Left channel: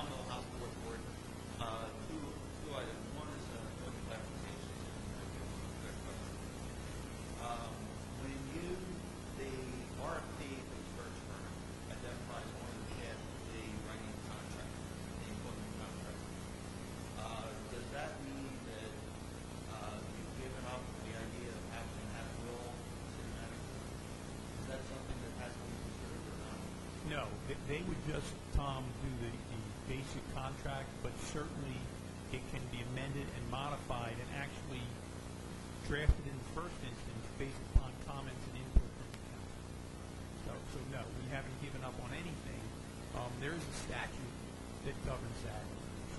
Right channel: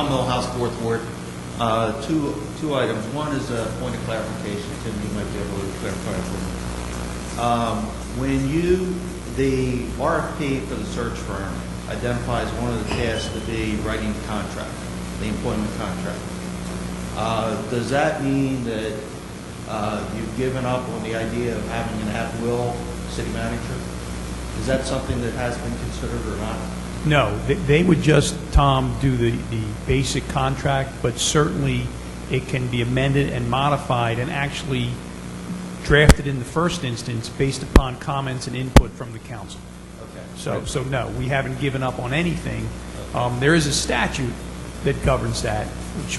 Tom Milhouse, Fourth Ward. Two items. One is a point of clarification. Tim, you might be able to clarify for me. When the RFP for the search firm identifies one of the tasks to be writing the contract, the employment contract, does that mean that you've given up on the idea of having an at-will city manager? Is that something that has been considered or not? No, they would just, Tom, do the basic contract, but certainly it can be amended and modified and actually drafted in the first instance based upon comments and input from the council. Okay. So no, we haven't given up on anything. There is a statute that governs that,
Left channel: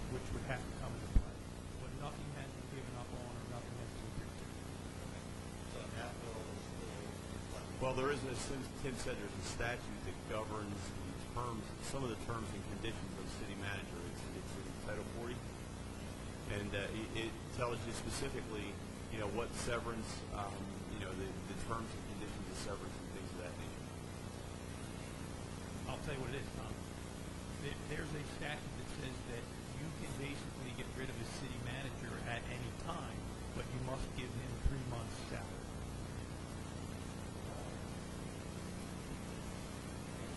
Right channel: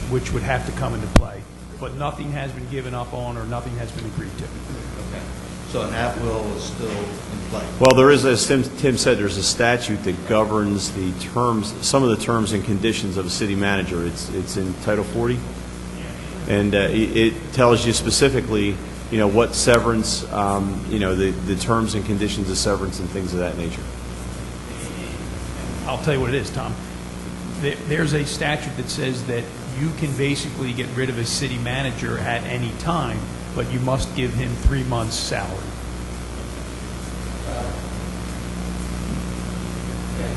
which would have to come into play, but nothing has been given up on or nothing has been agreed to. Okay. So an at-will is still in play? Well, there is, as Tim said, there's a statute that governs the terms, some of the terms and conditions of a city manager. It's in Title 40, and it tells you specifically, what severance, the terms and conditions of severance and things of that nature. I'll tell you what it is, Tom. There's a statute that says that you can basically get rid of a city manager at any time, but you must give him 3 months' salary. Okay.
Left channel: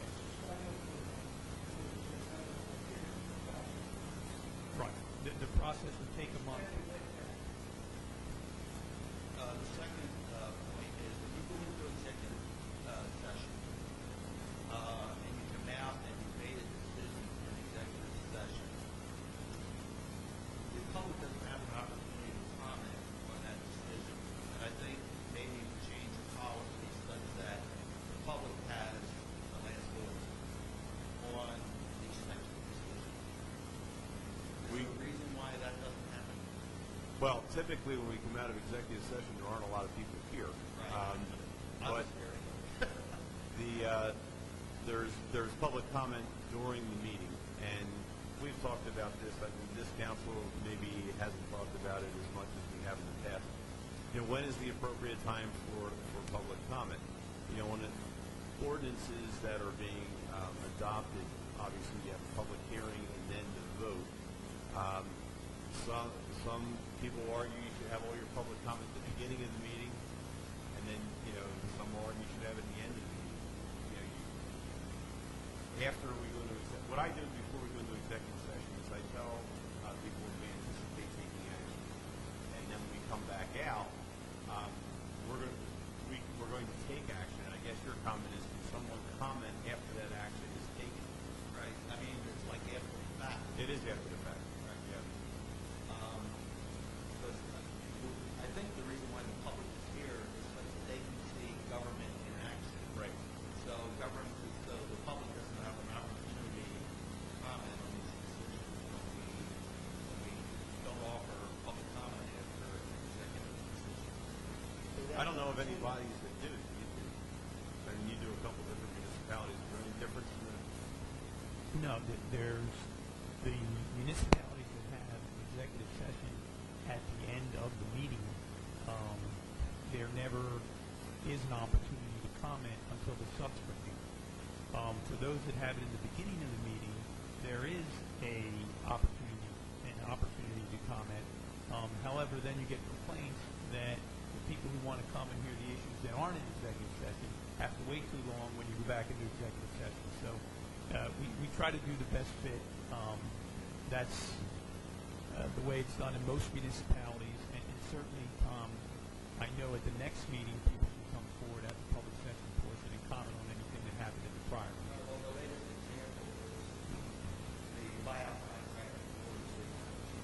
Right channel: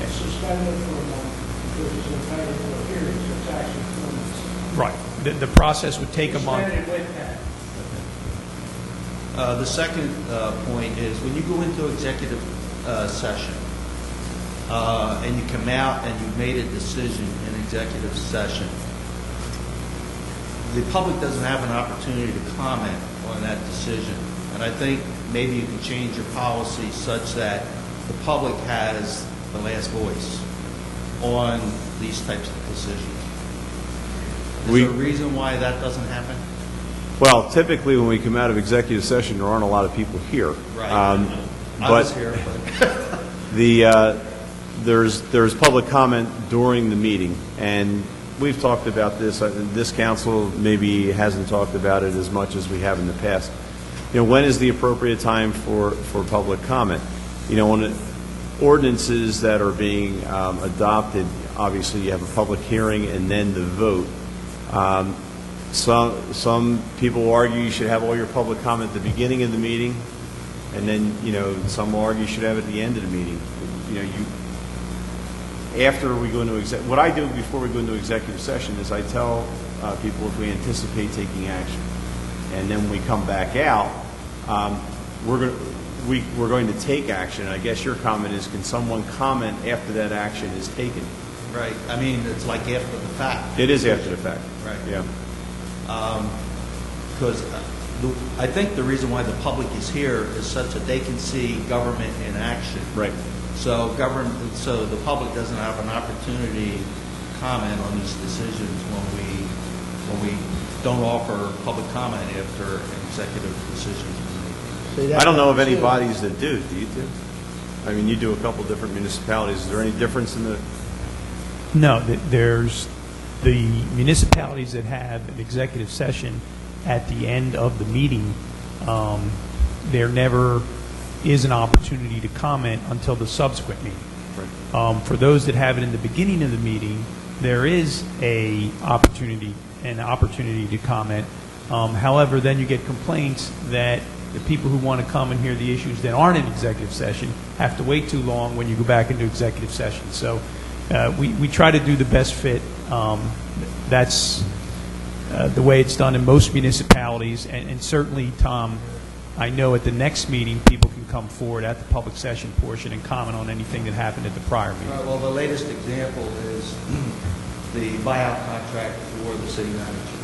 And suspend it for a month because it's entitled to a period, so it's actually 4 months. Right. The process would take a month. Suspend it with that. The second point is when you go into executive session and you come out and you've made a decision in executive session, the public doesn't have an opportunity to comment on that decision. And I think maybe you can change your policy such that the public has the last voice on these types of decisions. Is there a reason why that doesn't happen? Well, typically when we come out of executive session, there aren't a lot of people here. Right. But I was here, but there's public comment during the meeting, and we've talked about this. This council maybe hasn't talked about it as much as we have in the past. When is the appropriate time for public comment? On ordinances that are being adopted, obviously you have a public hearing and then the vote. Some people argue you should have all your public comment at the beginning of the meeting, and then some will argue you should have it at the end of the meeting. After we go into what I do before we go into executive session is I tell people if we anticipate taking action, and then when we come back out, we're going to take action. And I guess your comment is, can someone comment after that action is taken? right. I mean, it's like after the fact. It is after the fact. Right. Yeah. Because I think the reason why the public is here is such that they can see government in action. Right. So the public doesn't have an opportunity to comment on these decisions when we don't offer public comment after an executive decision is made. I don't know of any bodies that do. Do you do? I mean, you do a couple different municipalities. Is there any difference in the? No, there's the municipalities that have an executive session at the end of the meeting. There never is an opportunity to comment until the subsequent meeting. Right. For those that have it in the beginning of the meeting, there is an opportunity to comment. However, then you get complaints that the people who want to come and hear the issues that aren't in executive session have to wait too long when you go back into executive session. So we try to do the best fit. That's the way it's done in most municipalities. And certainly, Tom, I know at the next meeting people can come forward at the public session portion and comment on anything that happened at the prior meeting. Well, the latest example is the buyout contract for the city manager.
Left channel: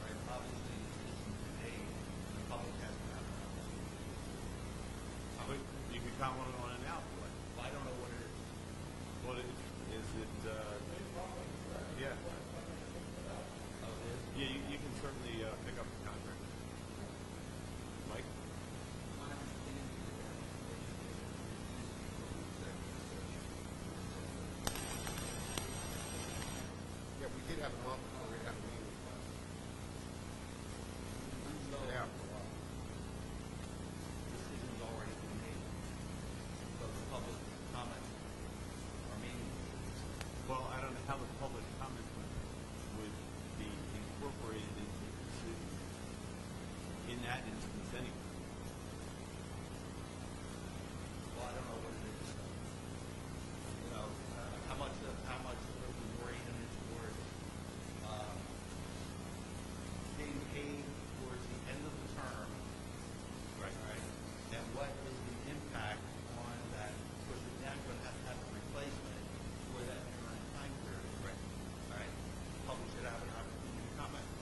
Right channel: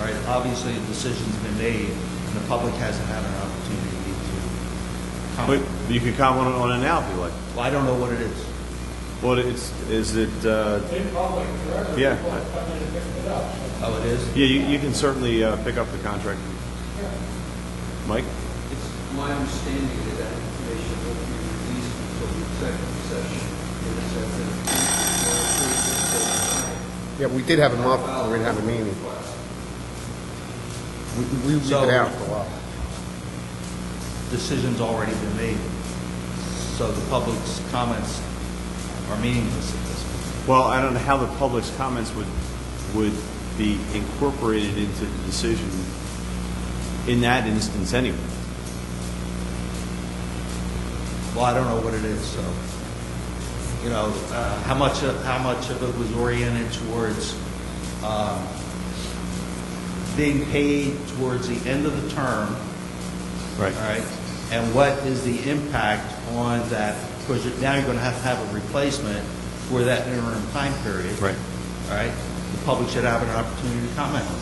All right, obviously the decision's been made, and the public hasn't had an opportunity to comment. But you can comment on it now if you like. Well, I don't know what it is. Well, is it? In public, forever, Yeah. people have come in and picked it up. So Oh, it is? Yeah, you can certainly pick up the contract. Mike? It's my understanding that that information will be released until the executive session. Yeah, we did have a month where we didn't have a meeting. We leave So- it out for a while. Decision's already been made, so the public's comments are meaningless at this point. Well, I don't know how the public's comments would be incorporated into the decision in that instance anyway. Well, I don't know what it is, so, you know, how much of it was oriented towards being paid towards the end of the term, Right. all right? And what is the impact on that, because now you're going to have a replacement for that interim time period. Right. All right? The public should have an opportunity to comment on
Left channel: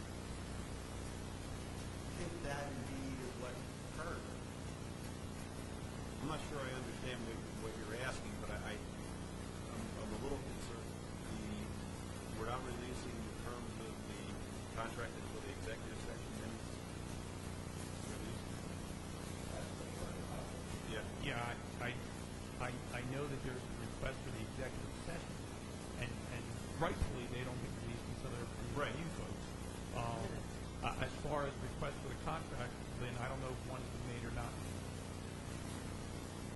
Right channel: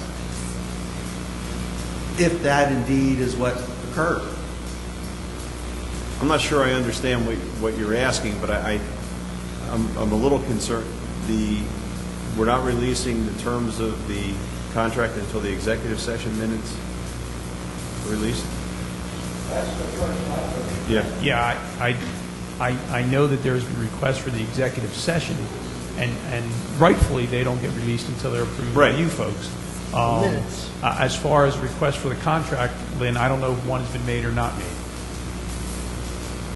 it. If that indeed is what occurred. I'm not sure I understand what you're asking, but I'm a little concerned. We're not releasing the terms of the contract until the executive session minutes are released? That's the first one. Yeah. Yeah, I know that there's been requests for the executive session, and rightfully, they don't get released until they're approved by Right. you folks. Minutes. As far as requests for the contract, Lynn, I don't know if one has been made or not made.